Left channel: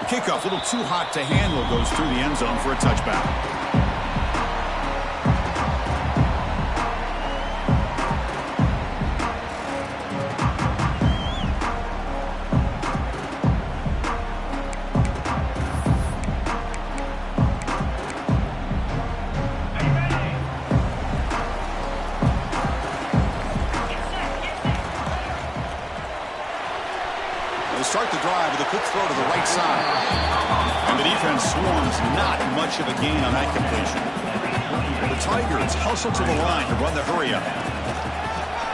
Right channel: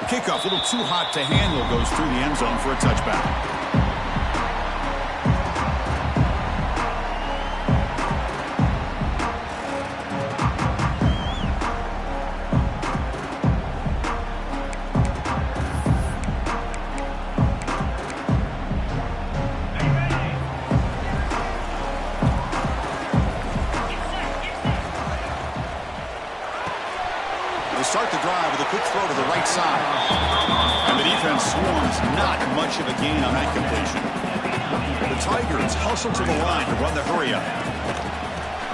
The kickoff, a little too hot to handle, goes through the end zone for a touchback. Start the drive with a quick throw to the right side. And the defense swarms, not much of a gain on that completion. The Tigers hustle to the line to run the hurry up.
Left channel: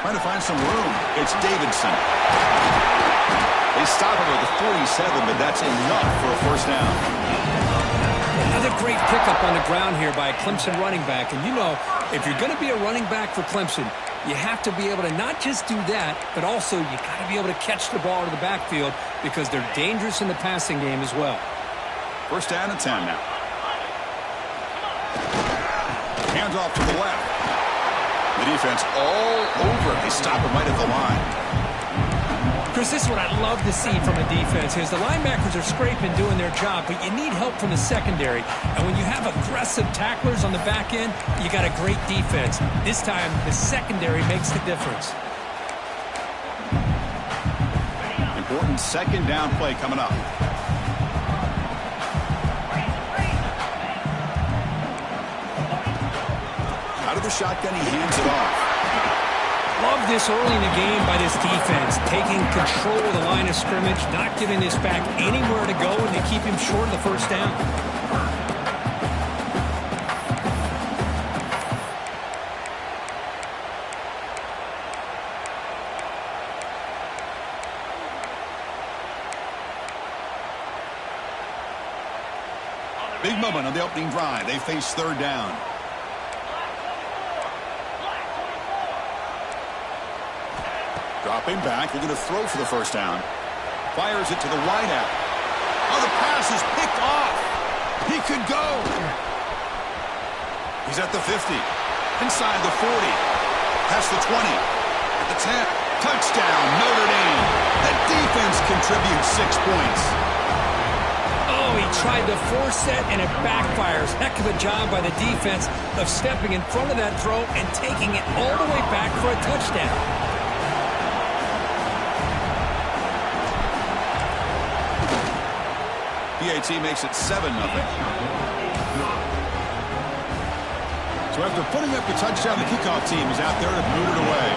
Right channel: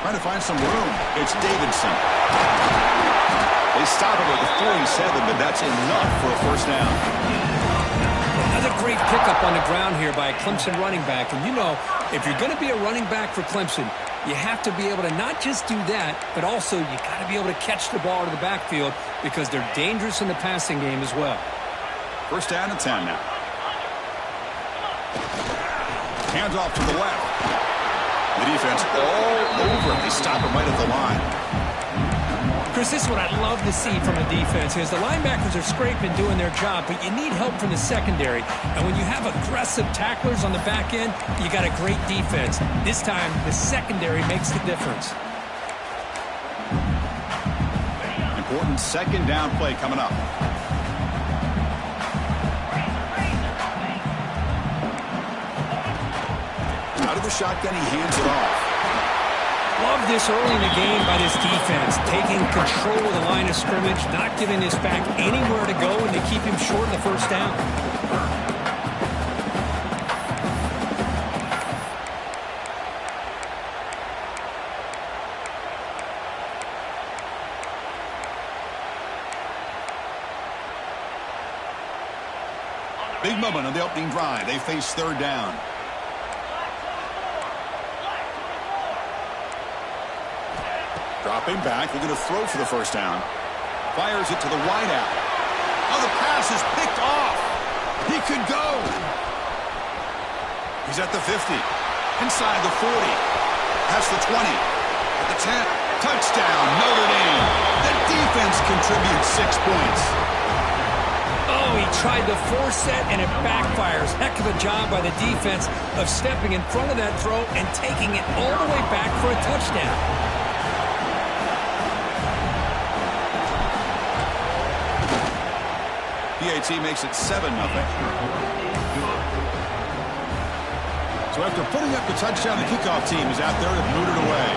Trying to find some room. It's Davidson. They stop him at the 47, but that's enough for a first down. Another great pickup on the ground here by a Clemson running back. And you know, if you're going to be a running back for Clemson, you have to be able to not just do that, but also you got to be able to catch the ball to the backfield because they're dangerous in the passing game as well. First down and 10 now. Hands off to the left. The defense all over it. They stop him right at the line. Chris, this is what I love to see from a defense is the linebackers are scraping, doing their job, but you need help from the secondary. And when you have aggressive tacklers on the back end, you got a great defense. This time, the secondary makes the difference. Important second down play coming up. Out of the shotgun, he hands it off. Love this early in the game by this defense, taking control of the line of scrimmage, not giving this back anywhere to go, and they keep him short of the first down. Big moment on the opening drive. They face third down. Dropping back, looking to throw for the first down. Fires it to the wideout. Oh, the pass is picked off. He could go. He's at the 50. Inside the 40. Past the 20. At the 10. Touchdown, Notre Dame. The defense contributes 6 points. Oh, he tried to force that, and it backfires. Heck of a job by the defense of stepping in front of that throw and taking it all the way back for a touchdown. PAT makes it 7-0. So after putting up the touchdown, the kickoff team is out there to boot it away.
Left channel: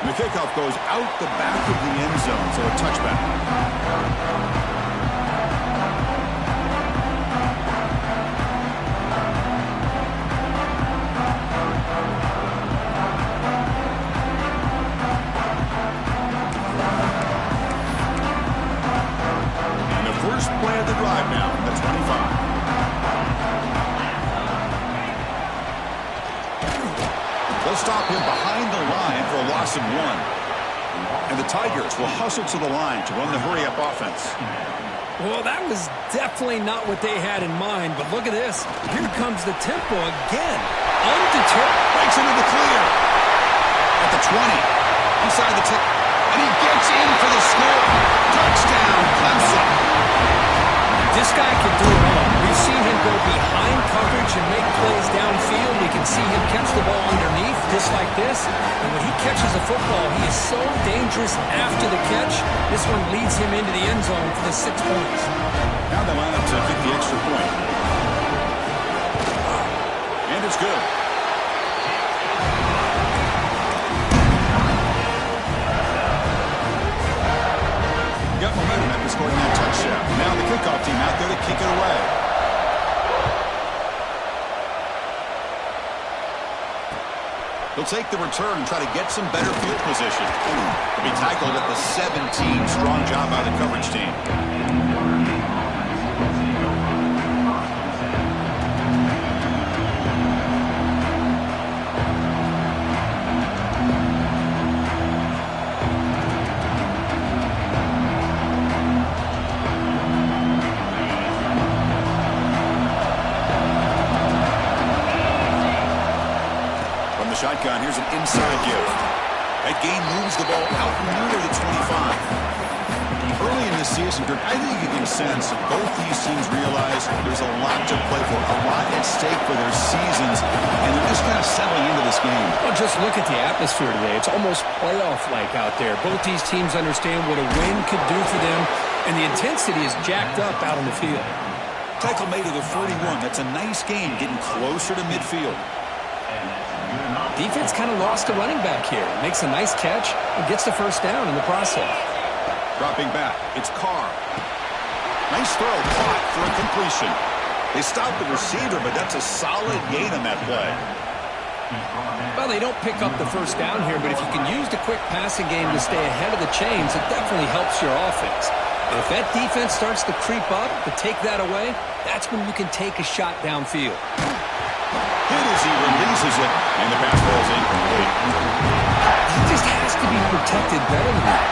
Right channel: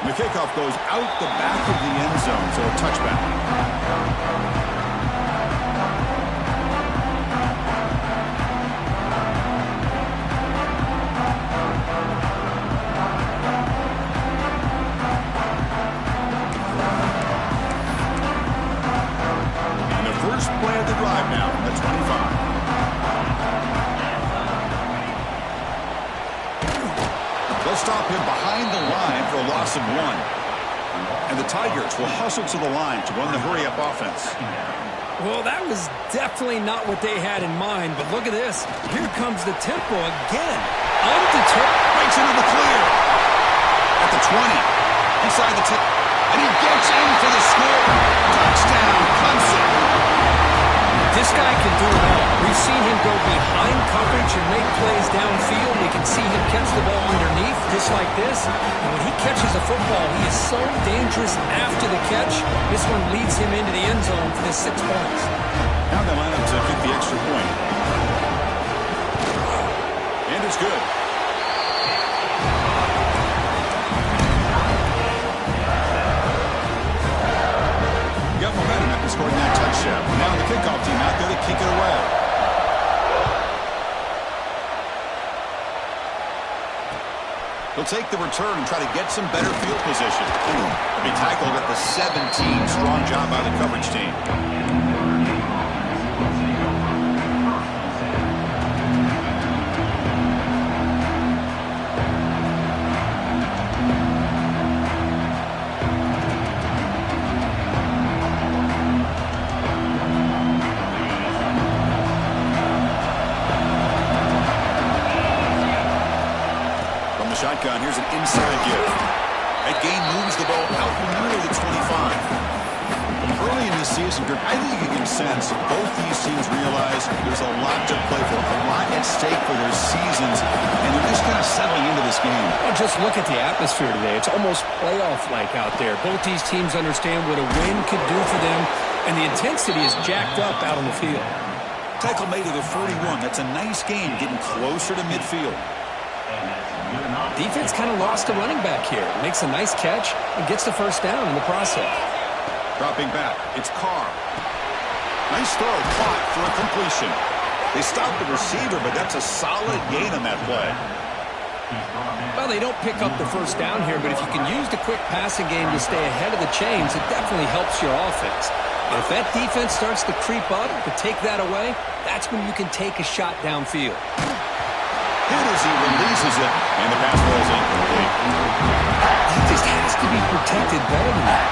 And the kickoff goes out the back of the end zone, so a touchback. Play of the drive now from the 25. They'll stop him behind the line for a loss of 1. And the Tigers will hustle to the line to run the hurry-up offense. Well, that was definitely not what they had in mind, but look at this. Here comes the tempo again. Undeterred. Breaks into the clear. At the 20. Inside the 10. And he gets in for the score. Touchdown, Clemson. This guy can do it all. We've seen him go behind coverage and make plays downfield. We can see him catch the ball underneath, just like this. And when he catches the football, he is so dangerous after the catch. This one leads him into the end zone for the 6 points. Now they line up to kick the extra point. And it's good. Got momentum after scoring that touchdown. Now the kickoff team out there to kick it away. He'll take the return and try to get some better field position. He'll be tackled at the 17. Strong job by the coverage team. shotgun. Here's an inside give. That gain moves the ball out near the 25. Early in this season, I think you can sense both these teams realize there's a lot to play for, a lot at stake for their seasons, and they're just kind of settling into this game. Well, just look at the atmosphere today. It's almost playoff-like out there. Both these teams understand what a win could do for them, and the intensity is jacked up out on the field. Tackle made to the 41. That's a nice gain, getting closer to midfield. Defense kind of lost a running back here. Makes a nice catch and gets the first down in the process. Dropping back, it's Carr. Nice throw, caught for a completion. They stopped the receiver, but that's a solid gain on that play. Well, they don't pick up the first down here, but if you can use the quick passing game to stay ahead of the chains, it definitely helps your offense. And if that defense starts to creep up, to take that away, that's when you can take a shot downfield. Hit as he releases it, and the pass ball is incomplete. He just has to be protected better than that.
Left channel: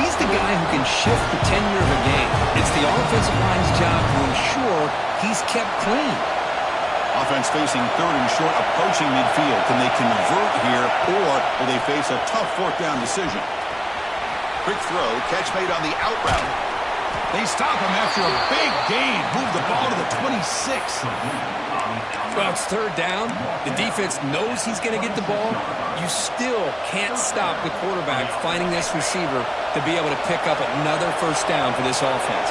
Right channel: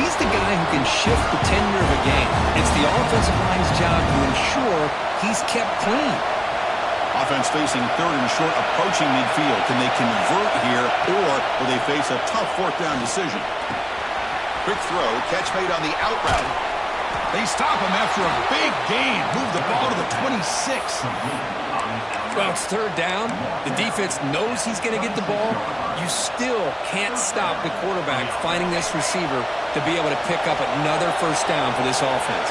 He's the guy who can shift the tenure of a game. It's the offensive line's job to ensure he's kept clean. Offense facing third and short, approaching midfield. Can they convert here, or will they face a tough fourth down decision? Quick throw, catch made on the out route. They stop him after a big gain. Move the ball to the 26. Well, it's third down. The defense knows he's going to get the ball. You still can't stop the quarterback finding this receiver to be able to pick up another first down for this offense.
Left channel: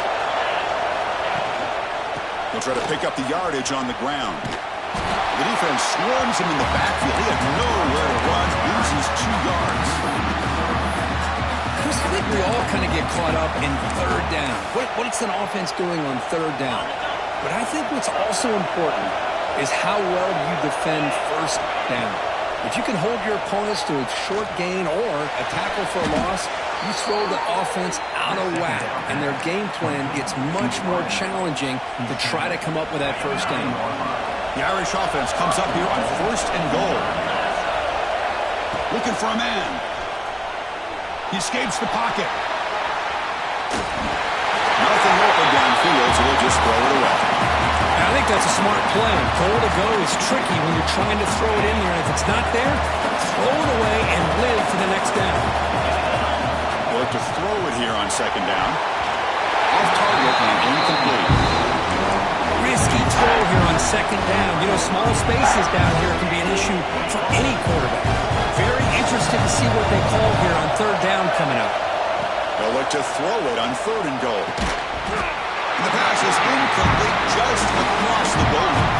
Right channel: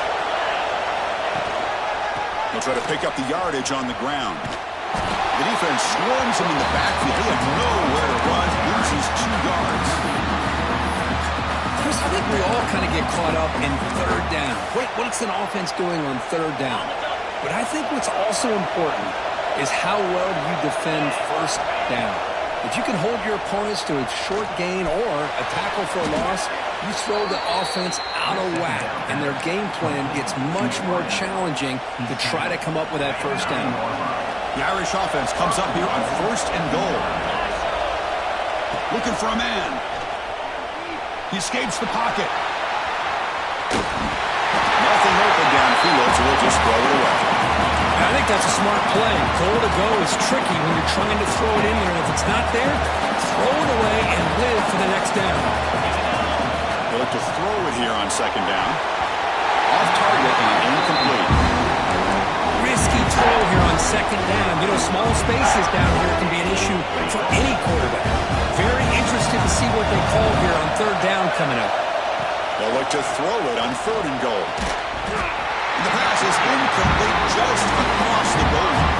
He'll try to pick up the yardage on the ground. The defense swarms him in the backfield. He had nowhere to run, loses 2 yards. Chris, I think we all kind of get caught up in third down. What's an offense doing on third down? But I think what's also important is how well you defend first down. If you can hold your opponents to a short gain or a tackle for a loss, you throw the offense out of whack, and their game plan gets much more challenging to try to come up with that first down. The Irish offense comes up here on first and goal. Looking for a man. He escapes the pocket. Nothing open downfield, so they'll just throw it away. I think that's a smart play. Goal to go is tricky when you're trying to throw it in there, and if it's not there, throw it away and live for the next down. They'll look to throw it here on second down. Off target and incomplete. Risky throw here on second down. You know, small spaces down here can be an issue for any quarterback. Very interested to see what they call here on third down coming up. They'll look to throw it on third and goal. And the pass is incomplete just across the goal line.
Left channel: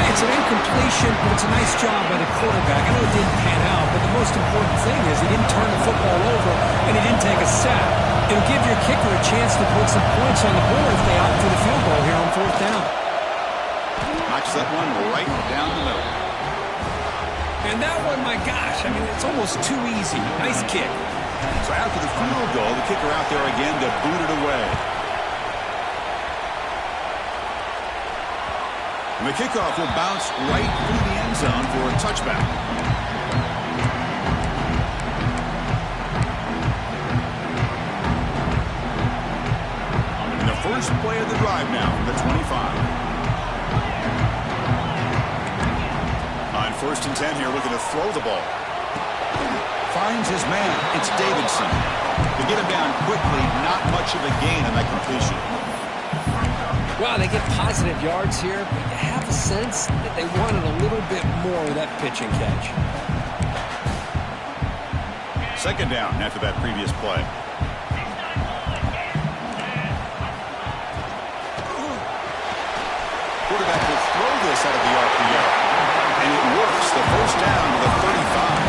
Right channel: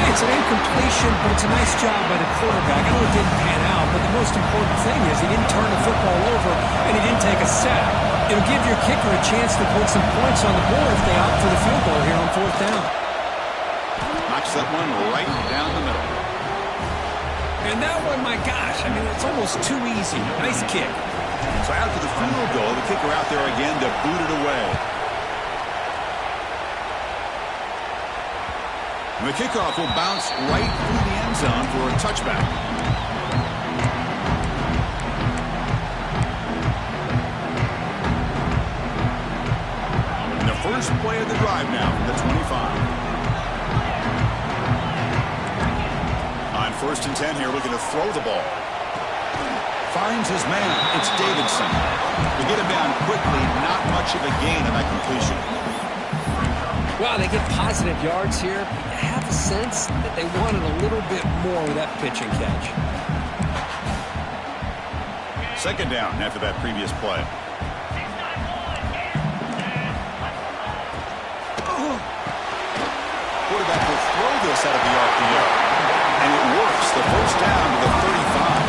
Hey, it's an incompletion, but it's a nice job by the quarterback. I know it didn't pan out, but the most important thing is he didn't turn the football over and he didn't take a sack. It'll give your kicker a chance to put some points on the board if they opt for the field goal here on fourth down. Knocks that one right down the middle. And that one, my gosh, I mean, it's almost too easy. Nice kick. So after the field goal, the kicker out there again to boot it away. And the kickoff will bounce right through the end zone for a touchback. And the first play of the drive now from the 25. On first and 10 here, looking to throw the ball. Finds his man. It's Davidson. To get him down quickly, not much of a gain on that completion. Wow, they get positive yards here, but you have a sense that they wanted a little bit more with that pitch and catch. Second down after that previous play. Quarterback will throw this out of the RPO. And it works. The first down to the 35.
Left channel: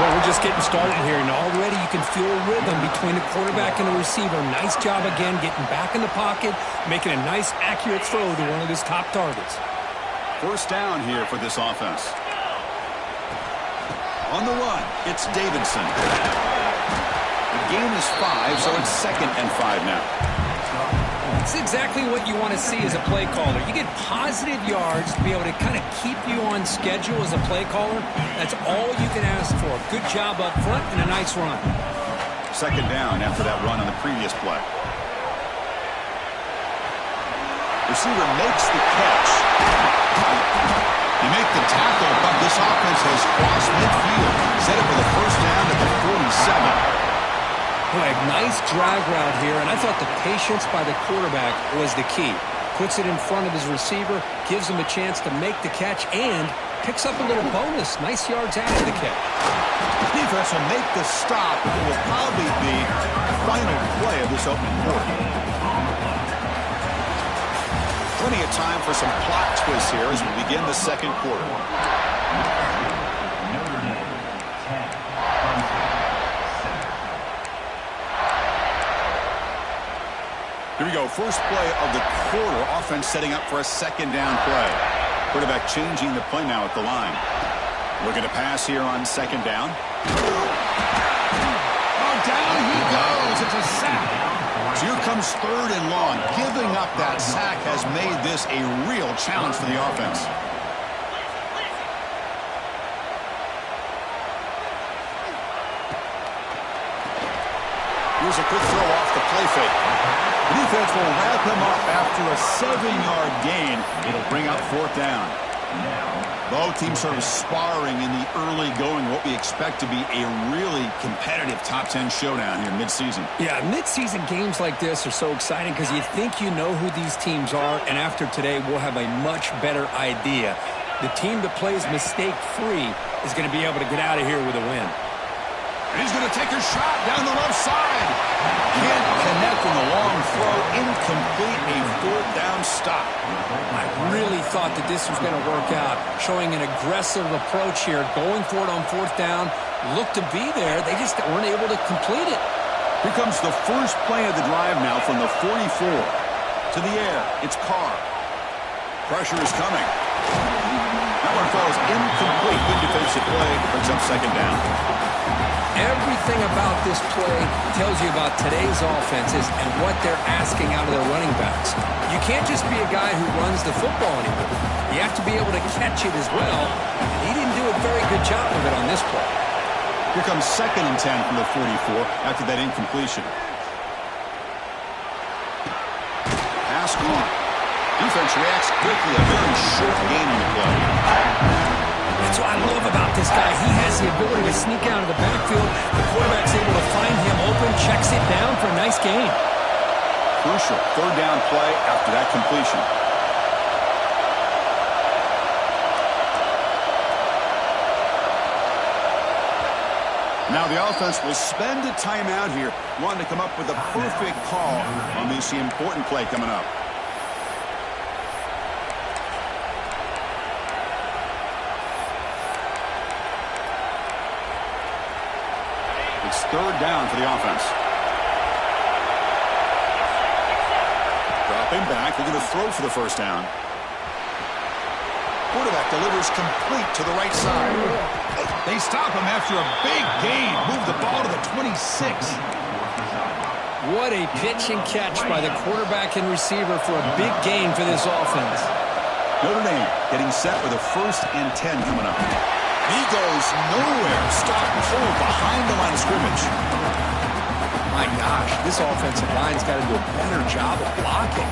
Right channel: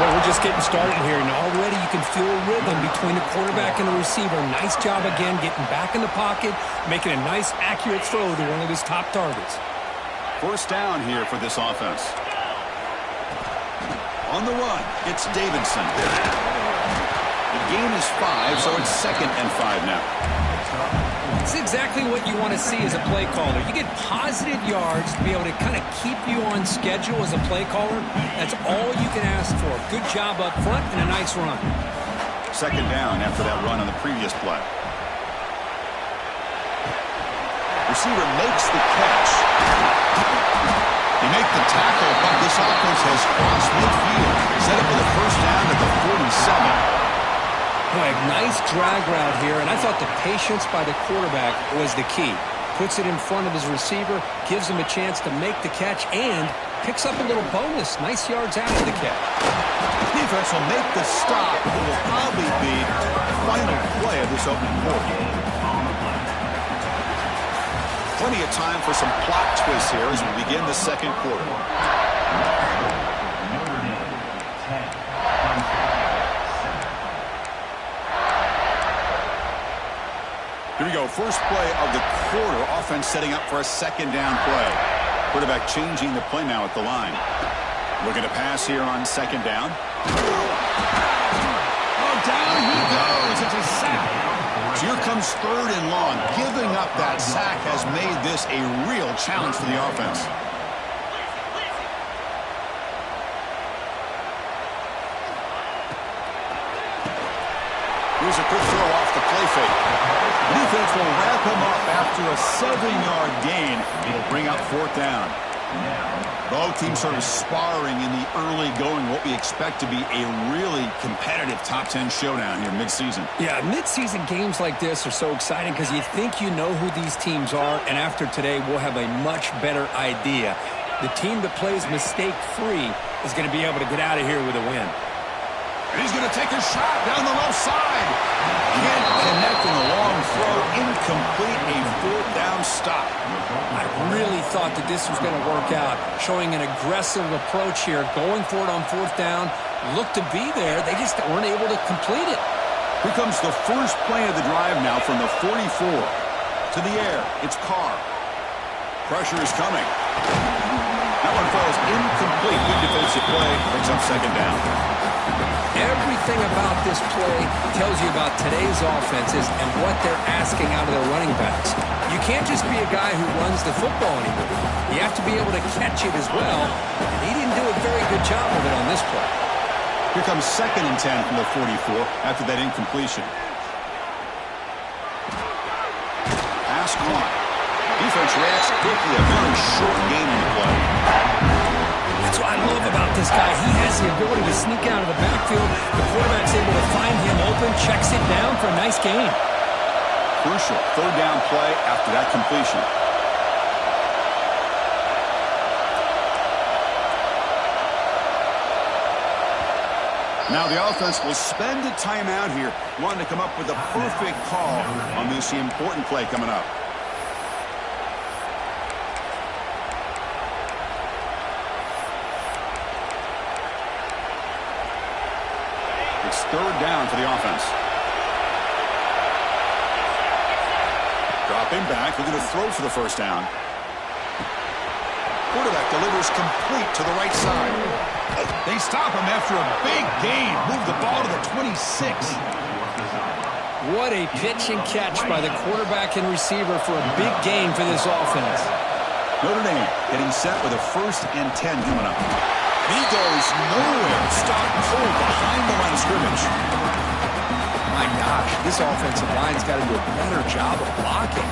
Well, we're just getting started here, and already you can feel a rhythm between the quarterback and the receiver. Nice job again getting back in the pocket, making a nice, accurate throw to one of his top targets. First down here for this offense. On the run, it's Davidson. The gain is 5, so it's 2nd and 5 now. It's exactly what you want to see as a play caller. You get positive yards to be able to kind of keep you on schedule as a play caller. That's all you can ask for. Good job up front and a nice run. Second down after that run on the previous play. Receiver makes the catch. They make the tackle, but this offense has crossed midfield. Set up for the first down at the 47. Boy, nice drag route here, and I thought the patience by the quarterback was the key. Puts it in front of his receiver, gives him a chance to make the catch, and picks up a little bonus. Nice yards after the catch. Defense will make the stop. It will probably be the final play of this opening quarter. Plenty of time for some plot twists here as we begin the second quarter. Here we go. First play of the quarter. Offense setting up for a second down play. Quarterback changing the play now at the line. Looking to pass here on second down. Oh, down he goes. It's a sack. So here comes third and long. Giving up that sack has made this a real challenge for the offense. Here's a quick throw off the play fake. The defense will wrap him up after a 7-yard gain. It'll bring up fourth down. Both teams sort of sparring in the early going, what we expect to be a really competitive top 10 showdown here mid-season. Yeah, mid-season games like this are so exciting because you think you know who these teams are, and after today we'll have a much better idea. The team that plays mistake-free is going to be able to get out of here with a win. And he's going to take a shot down the left side. Can't connect in the long throw. Incomplete, a fourth down stop. I really thought that this was going to work out, showing an aggressive approach here, going for it on fourth down. Looked to be there. They just weren't able to complete it. Here comes the first play of the drive now from the 44. To the air, it's Carr. Pressure is coming. That one falls incomplete. Good defensive play. Brings up second down. Everything about this play tells you about today's offenses and what they're asking out of their running backs. You can't just be a guy who runs the football anymore. You have to be able to catch it as well, and he didn't do a very good job of it on this play. Here comes second and 10 from the 44 after that incompletion. Pass caught. Defense reacts quickly. A very short gain on the play. That's what I love about this guy. He has the ability to sneak out of the backfield. The quarterback's able to find him open, checks it down for a nice gain. Crucial third down play after that completion. Now the offense will spend a timeout here, wanting to come up with a perfect call on this important play coming up. It's third down for the offense. Dropping back, looking to throw for the first down. Quarterback delivers complete to the right side. They stop him after a big gain. Move the ball to the 26. What a pitch and catch by the quarterback and receiver for a big gain for this offense. Notre Dame getting set with a first and 10 coming up. He goes nowhere. Stop cold behind the line of scrimmage. My gosh, this offensive line's got to do a better job of blocking.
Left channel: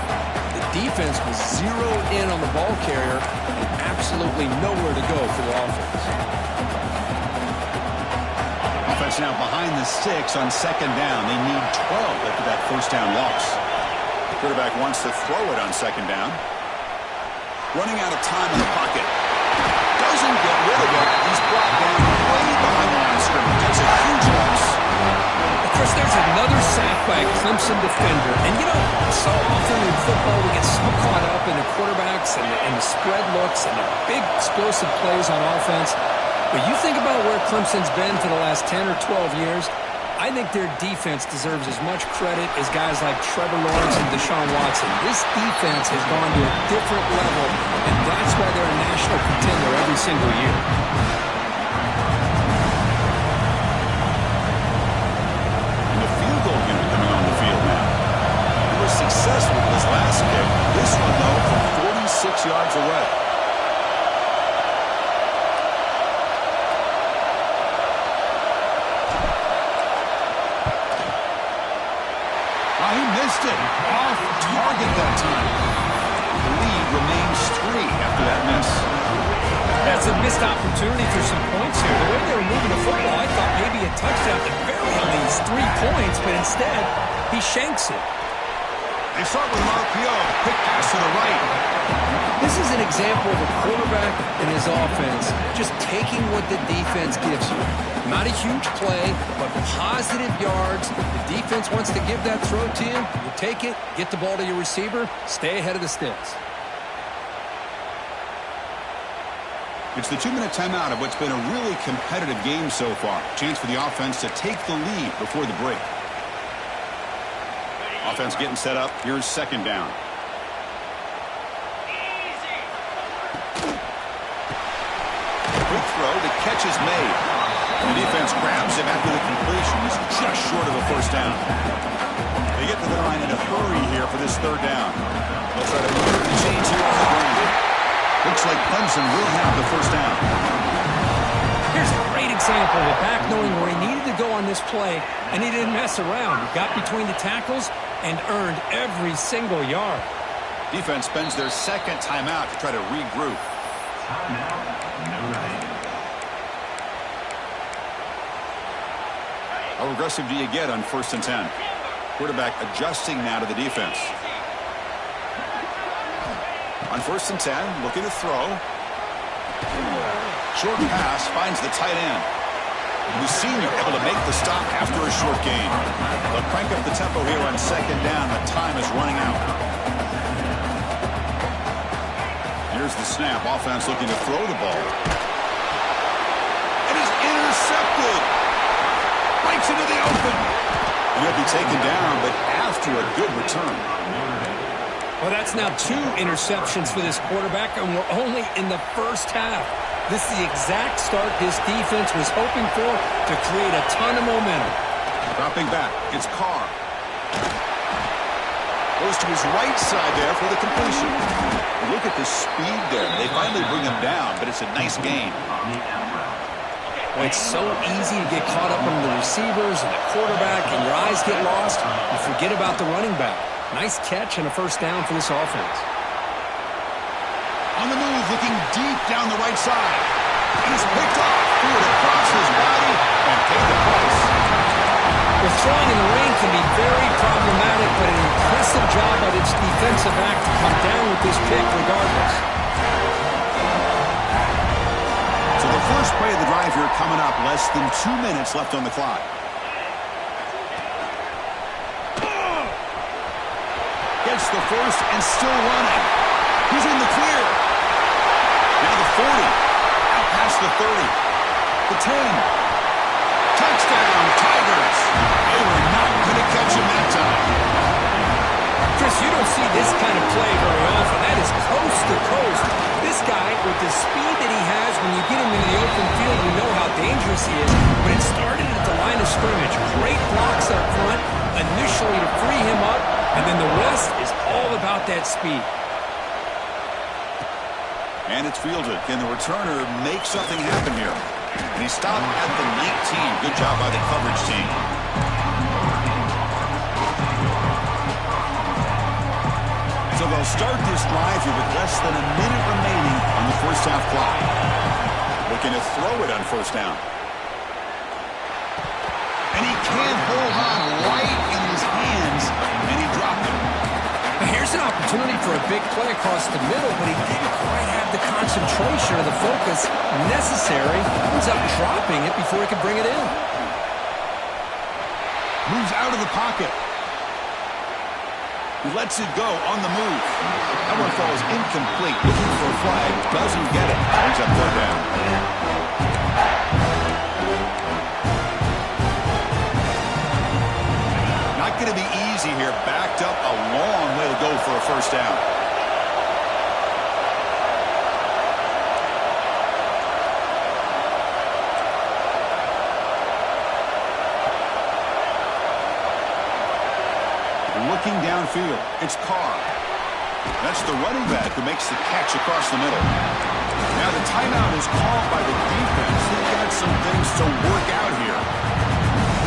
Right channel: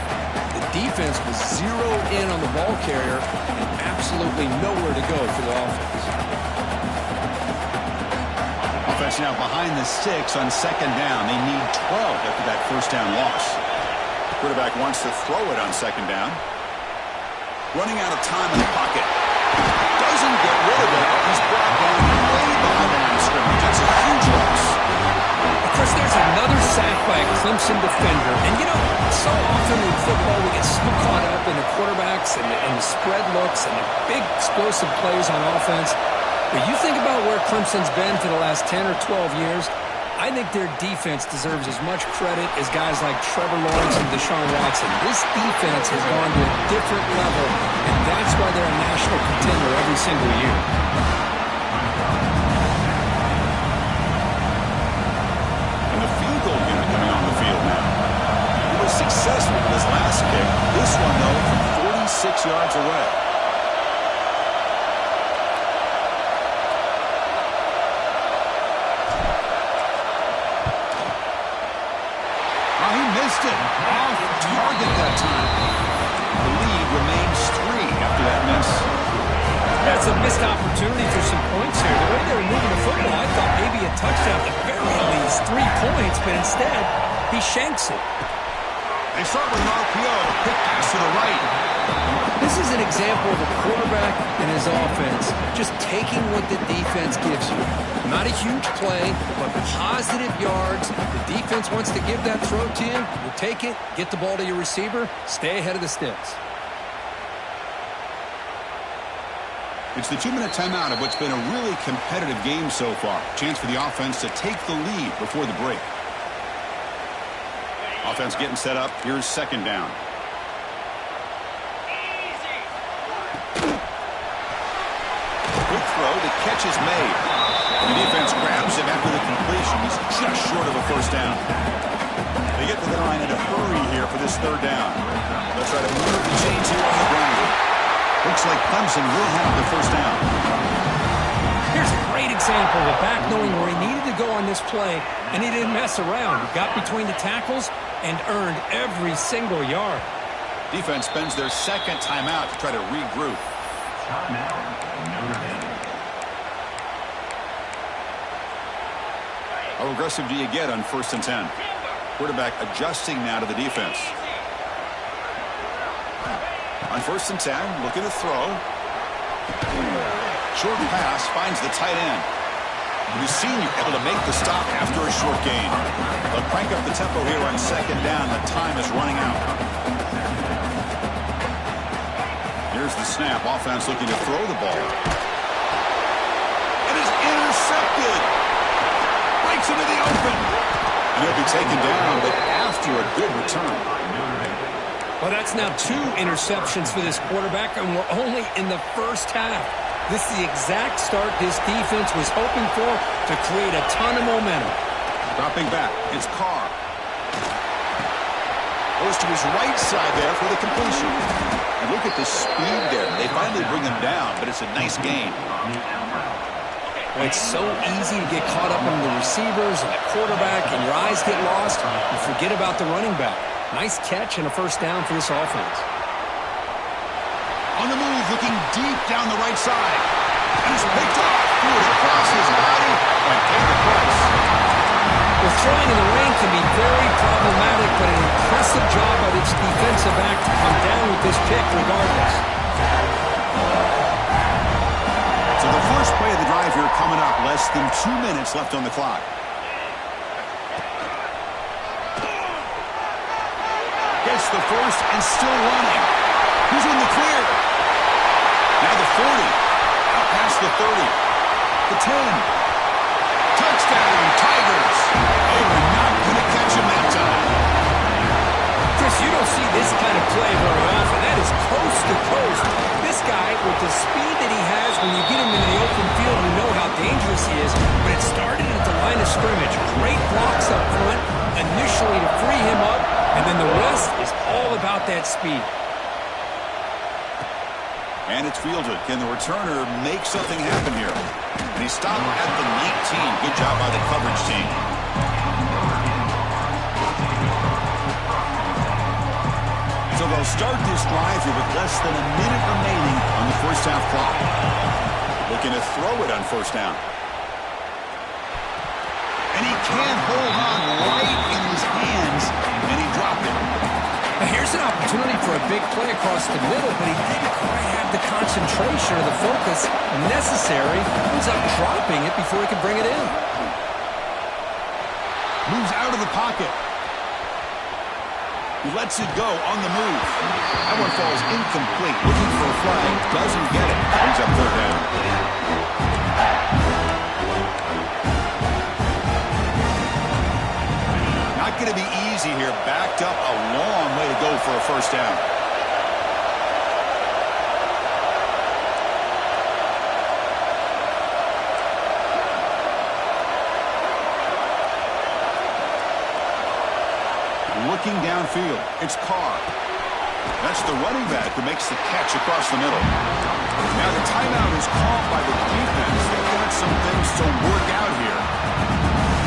The defense was zeroed in on the ball carrier and absolutely nowhere to go for the offense. Offense now behind the sticks on second down. They need 12 after that first down loss. Quarterback wants to throw it on second down. Running out of time in the pocket. Doesn't get rid of it. He's brought down way behind the line of scrimmage. That's a huge loss. Of course, there's another sack by a Clemson defender. And, you know, so often in football we get so caught up in the quarterbacks and the spread looks and the big explosive plays on offense. But you think about where Clemson's been for the last 10 or 12 years, I think their defense deserves as much credit as guys like Trevor Lawrence and Deshaun Watson. This defense has gone to a different level, and that's why they're a national contender every single year. And the field goal unit coming on the field now. He was successful with his last kick. This one, though, from 46 yards away. He missed it. Off target that time. The lead remains 3 after that miss. That's a missed opportunity for some points here. The way they were moving the football, I thought maybe a touchdown at the very least, 3 points, but instead, he shanks it. They start with an RPO. Quick pass to the right. This is an example of a quarterback and his offense just taking what the defense gives you. Not a huge play, but positive yards. The defense wants to give that throw to you. You take it, get the ball to your receiver, stay ahead of the sticks. It's the 2-minute timeout of what's been a really competitive game so far. Chance for the offense to take the lead before the break. Offense getting set up. Here's second down. Quick throw. The catch is made. The defense grabs him after the completion. He's just short of a first down. They get to the line in a hurry here for this third down. They'll try to move the chains here on the ground. Looks like Clemson will have the first down. Here's a great example of a back knowing where he needed to go on this play, and he didn't mess around. He got between the tackles and earned every single yard. Defense spends their second timeout to try to regroup. How aggressive do you get on 1st and 10? Quarterback adjusting now to the defense. On 1st and 10, looking to throw. Short pass finds the tight end. The senior able to make the stop after a short gain. They'll crank up the tempo here on second down. The time is running out. Here's the snap. Offense looking to throw the ball. It is intercepted. Breaks into the open. And he'll be taken down, but after a good return. Well, that's now 2 interceptions for this quarterback, and we're only in the first half. This is the exact start this defense was hoping for to create a ton of momentum. Dropping back, it's Carr. Goes to his right side there for the completion. And look at the speed there. They finally bring him down, but it's a nice gain. Well, it's so easy to get caught up in the receivers and the quarterback, and your eyes get lost. You forget about the running back. Nice catch and a first down for this offense. On the move, looking deep down the right side. And it's picked off. Threw it across his body and paid the price. Well, throwing in the rain can be very problematic, but an impressive job by this defensive back to come down with this pick regardless. So the first play of the drive here coming up. Less than 2 minutes left on the clock. Gets the first and still running. He's in the clear. Now the 40. Out past the 30. The 10. Touchdown, Tigers. They were not going to catch him that time. Chris, you don't see this kind of play very often. That is coast to coast. This guy, with the speed that he has, when you get him into the open field, you know how dangerous he is. But it started at the line of scrimmage. Great blocks up front, initially to free him up, and then the rest is all about that speed. And it's fielded. Can the returner make something happen here? And he stopped at the 19. Good job by the coverage team. So they'll start this drive here with less than a minute remaining on the first half clock. Looking to throw it on first down. And he can't hold on right in his hands, and he dropped it. Now here's an opportunity for a big play across the middle, but he didn't quite have the concentration or the focus necessary. Ends up dropping it before he could bring it in. Moves out of the pocket. He lets it go on the move. That one falls incomplete. Looking for a flag. Doesn't get it. Brings up third down. Not going to be easy here. Backed up a long way to go for a first down. Looking downfield, it's Carr. That's the running back who makes the catch across the middle. Now the timeout is called by the defense. They've got some things to work out here.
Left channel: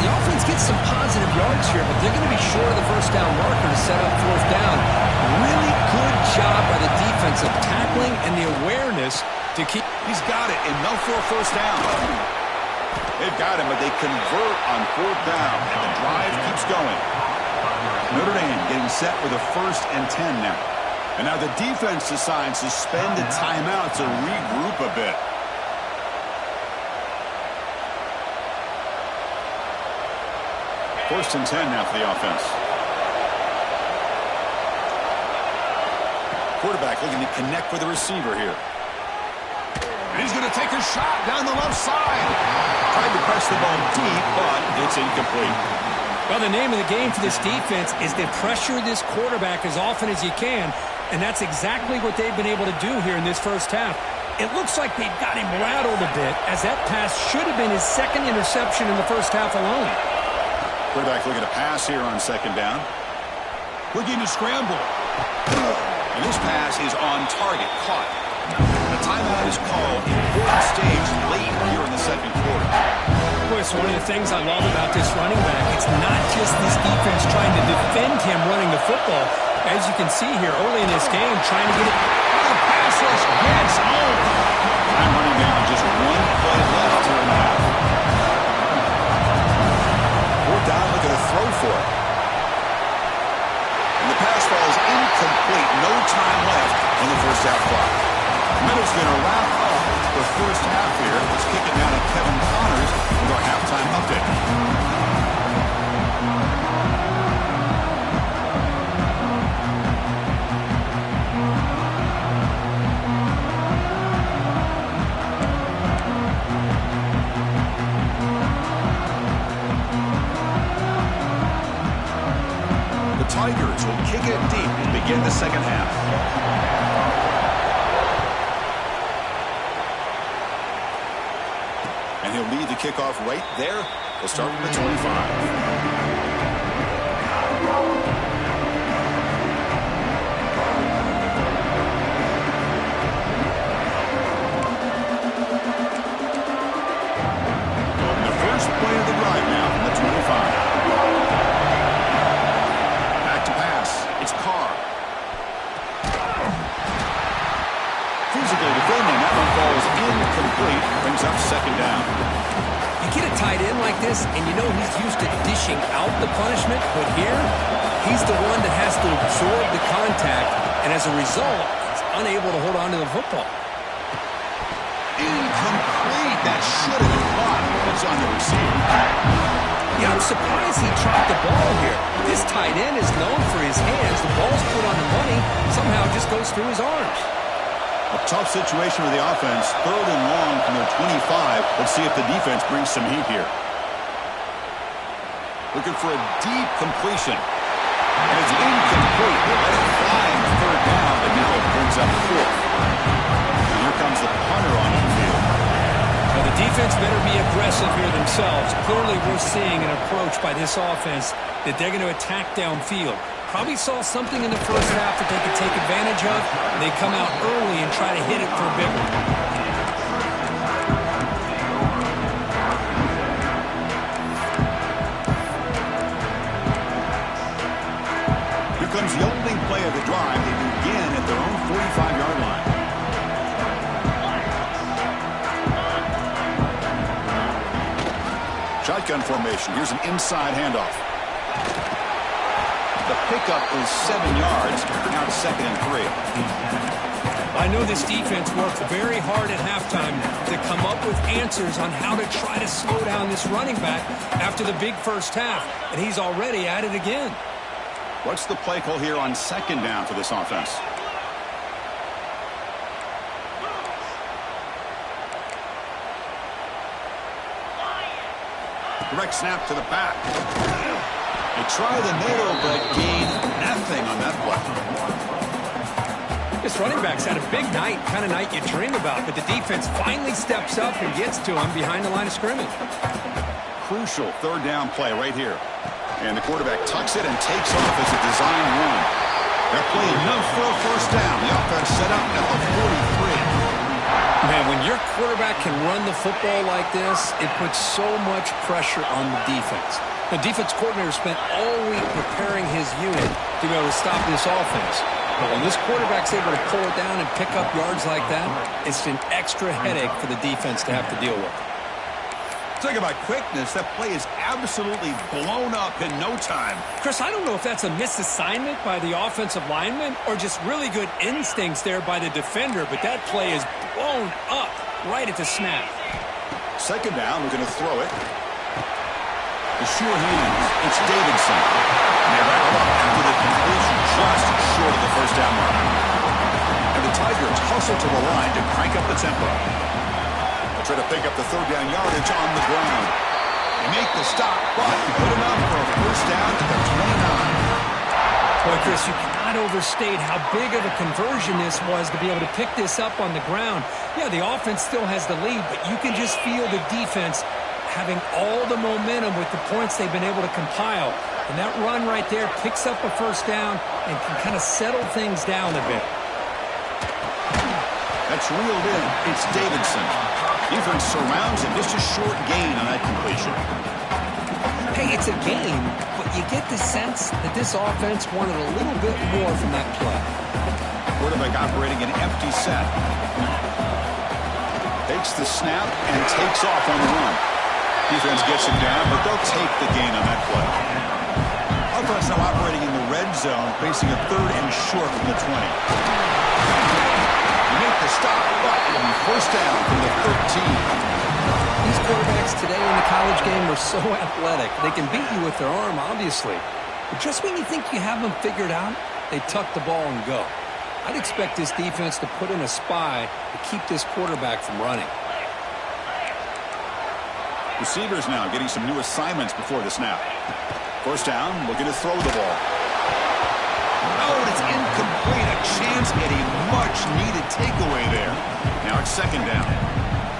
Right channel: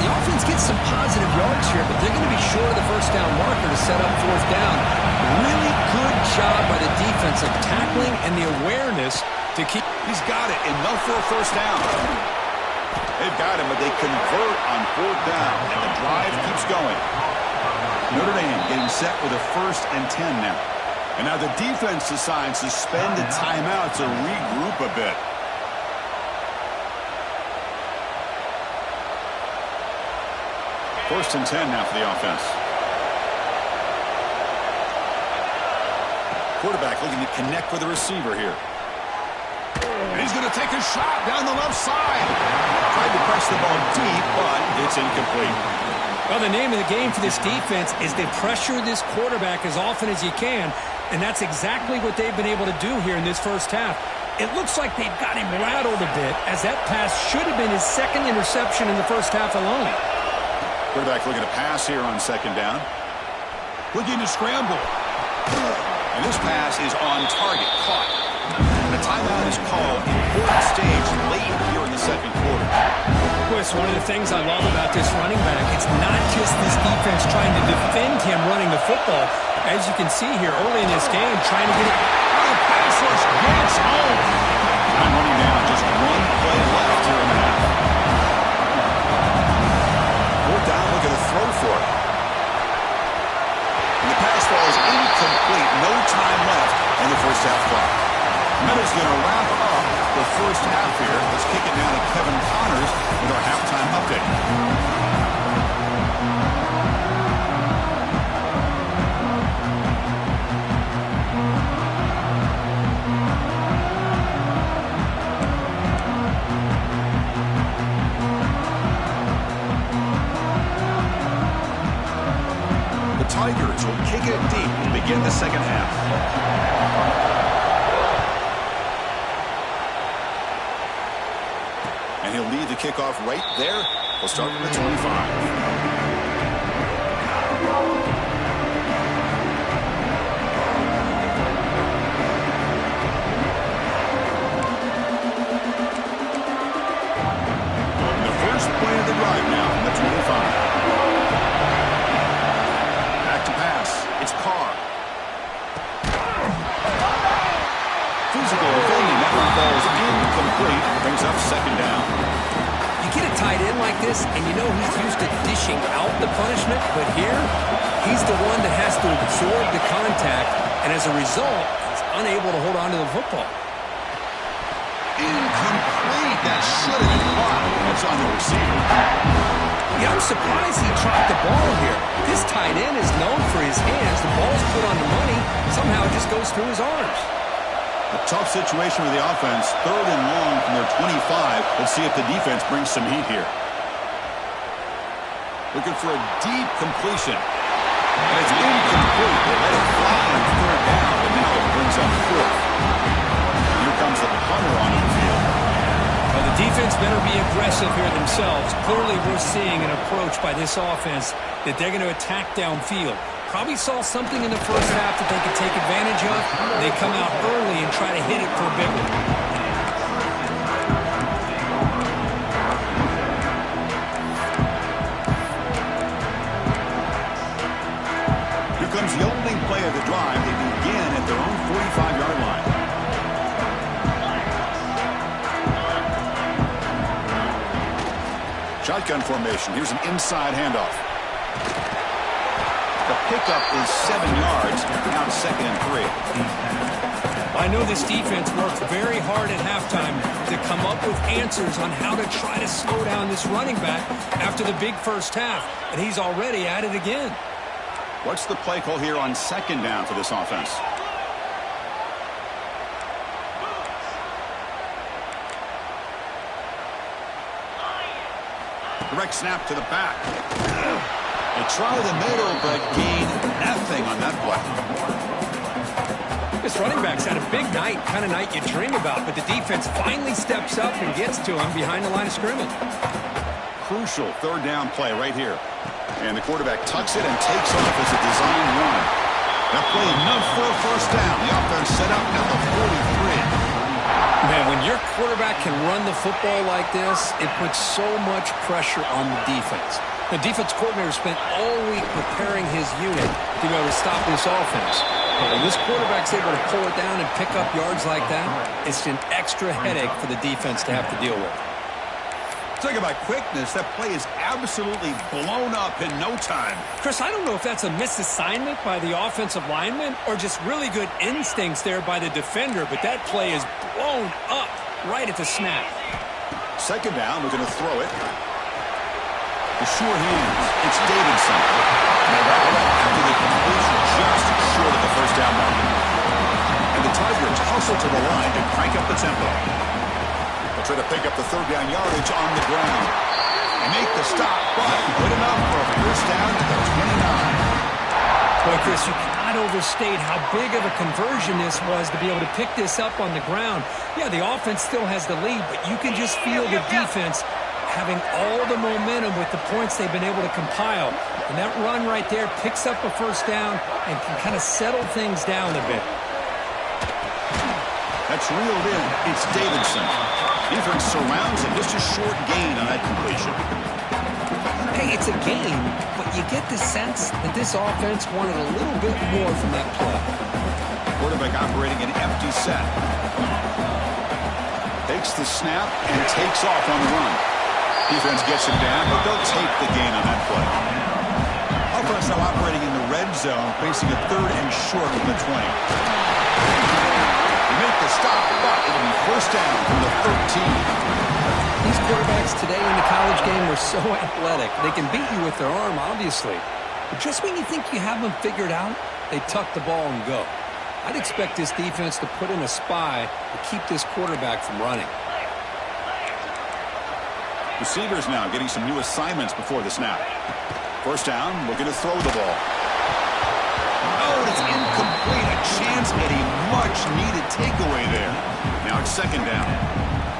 The offense gets some positive yards here, but they're going to be short of the first down marker to set up fourth down. Really good job by the defense of tackling and the awareness to keep. He's got it, enough for a first down. They've got him, but they convert on fourth down, and the drive keeps going. Notre Dame getting set with a 1st and 10 now. And now the defense decides to spend a timeout to regroup a bit. First and 10 now for the offense. Quarterback looking to connect with the receiver here. And he's going to take a shot down the left side. Tried to press the ball deep, but it's incomplete. Well, the name of the game for this defense is to pressure this quarterback as often as you can, and that's exactly what they've been able to do here in this first half. It looks like they've got him rattled a bit, as that pass should have been his 2nd interception in the first half alone. Quarterback looking to pass here on 2nd down. Looking to scramble. And this pass is on target, caught. The timeout is called. Important stage late here in the 2nd quarter. Boy, it's one of the things I love about this running back. It's not just this defense trying to defend him running the football. As you can see here early in this game, trying to get it. The pass rush gets home. Time running down, just 1 play left here in the half. 4th down, look at the throw for it. And the pass falls incomplete. No time left on the first half clock. Meadow's going to wrap up the first half here. Let's kick it now to Kevin Connors with our halftime update. The Tigers will kick it deep to begin the second half. And he'll lead the kickoff right there. We'll start from the 25. Play of the drive now from the 25. Back to pass. It's Carr. Physical defending. That one falls incomplete. Brings up 2nd down. You get a tight end like this, and you know he's used to dishing out the punishment, but here, he's the one that has to absorb the contact, and as a result, he's unable to hold on to the football. Incomplete. That should have been caught. That's on the receiver. Yeah, I'm surprised he dropped the ball here. This tight end is known for his hands. The ball's put on the money. Somehow it just goes through his arms. A tough situation with the offense. 3rd and long from their 25. Let's see if the defense brings some heat here. Looking for a deep completion. And it's incomplete. They let it fly on 3rd down, but now it brings up 4th. And here comes the punter onto the field. Well, the defense better be aggressive here themselves. Clearly, we're seeing an approach by this offense that they're going to attack downfield. Probably saw something in the first half that they could take advantage of. They come out early and try to hit it for a big one. Here comes the opening play of the drive. They begin at their own 45-yard line. Shotgun formation. Here's an inside handoff. The pickup is 7 yards. Now it's 2nd and 3. I know this defense worked very hard at halftime to come up with answers on how to try to slow down this running back after the big first half, and he's already at it again. What's the play call here on 2nd down for this offense? Direct snap to the back. They try the middle, but gain nothing on that play. This running back's had a big night, kind of night you dream about, but the defense finally steps up and gets to him behind the line of scrimmage. Crucial 3rd down play right here. And the quarterback tucks it and takes off as a design run. They're playing enough for a first down. The offense set up at the 43. Man, when your quarterback can run the football like this, it puts so much pressure on the defense. The defense coordinator spent all week preparing his unit to be able to stop this offense. But when this quarterback's able to pull it down and pick up yards like that, it's an extra headache for the defense to have to deal with. Talking about quickness, that play is absolutely blown up in no time. Chris, I don't know if that's a misassignment by the offensive lineman or just really good instincts there by the defender, but that play is blown up right at the snap. Second down, we're going to throw it. The sure hands, it's Davidson. And they wrap it up after the completion just short of the first down marker. And the Tigers hustle to the line to crank up the tempo. They'll try to pick up the third down yardage on the ground. They make the stop, but good enough for a first down at the 29. Boy, Chris, you cannot overstate how big of a conversion this was to be able to pick this up on the ground. Yeah, the offense still has the lead, but you can just feel the defense having all the momentum with the points they've been able to compile. And that run right there picks up a first down and can kind of settle things down a bit. That's reeled in. It's Davidson. Defense surrounds him. Just a short gain on that completion. Hey, it's a game, but you get the sense that this offense wanted a little bit more from that play. Quarterback operating an empty set. Takes the snap and takes off on the run. Defense gets him down, but they'll take the gain on that play. Offense now operating in the red zone, facing a third and short from the 20. They make the stop, but it'll be first down from the 13. These quarterbacks today in the college game are so athletic. They can beat you with their arm, obviously. But just when you think you have them figured out, they tuck the ball and go. I'd expect this defense to put in a spy to keep this quarterback from running. Receivers now getting some new assignments before the snap. First down, looking to throw the ball. Oh, it's incomplete. A chance at a much-needed takeaway there. Now it's second down.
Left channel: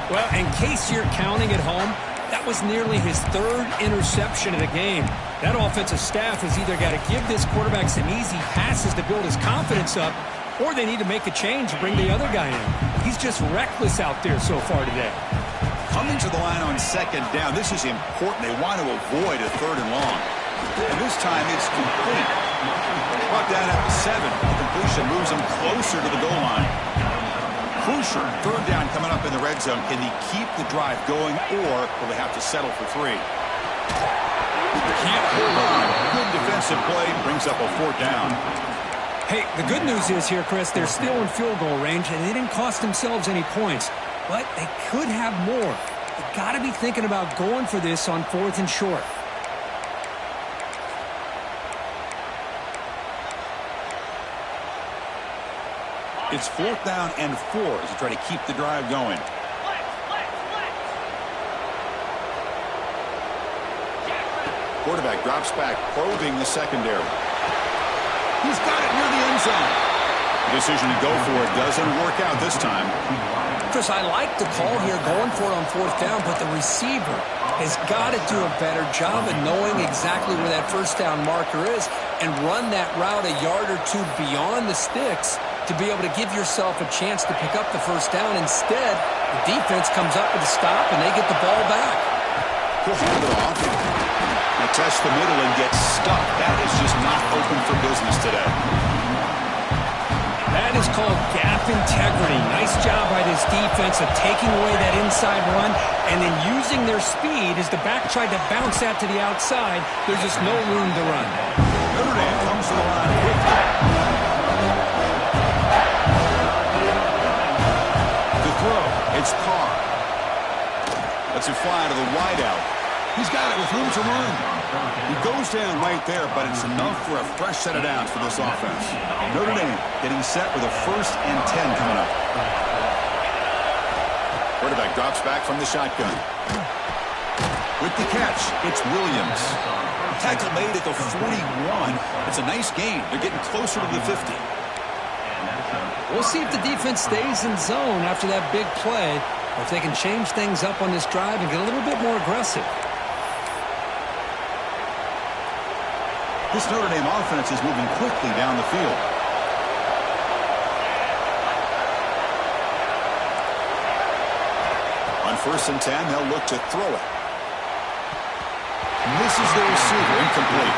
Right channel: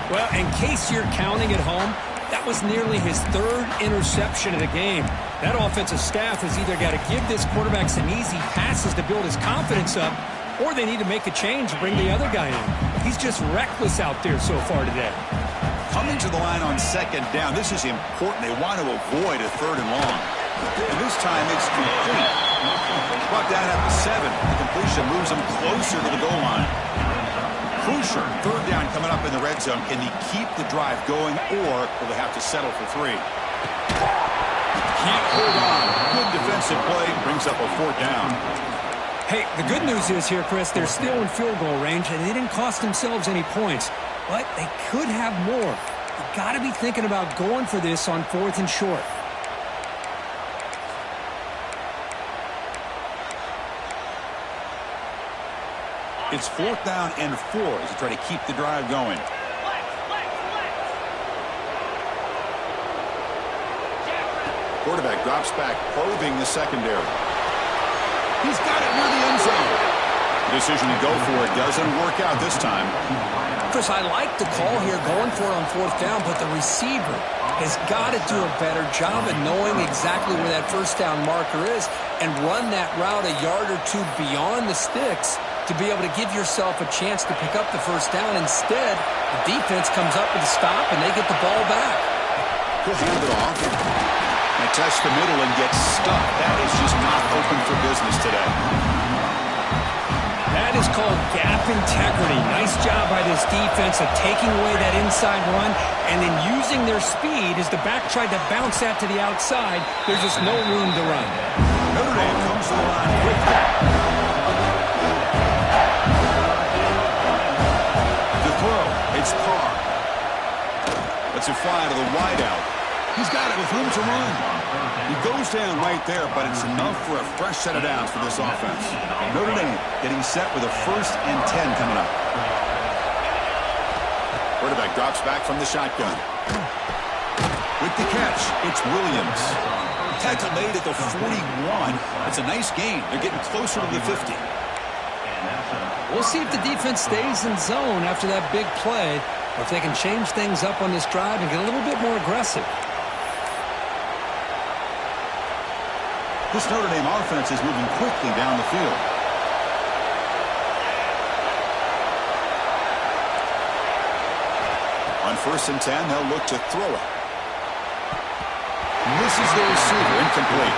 Well, in case you're counting at home, that was nearly his third interception of the game. That offensive staff has either got to give this quarterback some easy passes to build his confidence up, or they need to make a change and bring the other guy in. He's just reckless out there so far today. Coming to the line on second down, this is important. They want to avoid a third and long. And this time it's complete. Brought down at the 7. The completion moves them closer to the goal line. Crucial third down coming up in the red zone. Can they keep the drive going, or will they have to settle for 3? Can't hold on. Good defensive play brings up a fourth down. Hey, the good news is here, Chris, they're still in field goal range, and they didn't cost themselves any points. But they could have more. You've got to be thinking about going for this on 4th and short. It's 4th down and 4 as they try to keep the drive going. Quarterback drops back, probing the secondary. He's got it near the end zone. The decision to go for it doesn't work out this time. Chris, I like the call here going for it on 4th down, but the receiver has got to do a better job of knowing exactly where that first down marker is and run that route a yard or two beyond the sticks to be able to give yourself a chance to pick up the first down. Instead, the defense comes up with a stop and they get the ball back. He'll hand it off. And test the middle and get stuck. That is just not open for business today. That is called gap integrity. Nice job by this defense of taking away that inside run and then using their speed as the back tried to bounce that to the outside. There's just no room to run. Notre Dame comes to the line quickly. The throw, it's Carr. Lets it fly to the wideout. He's got it with room to run. He goes down right there, but it's enough for a fresh set of downs for this offense. Notre Dame getting set with a 1st and 10 coming up. Quarterback drops back from the shotgun. With the catch, it's Williams. Tackle made at the 41. It's a nice gain. They're getting closer to the 50. We'll see if the defense stays in zone after that big play, or if they can change things up on this drive and get a little bit more aggressive. This Notre Dame offense is moving quickly down the field. On 1st and 10, they'll look to throw it. Misses the receiver, incomplete.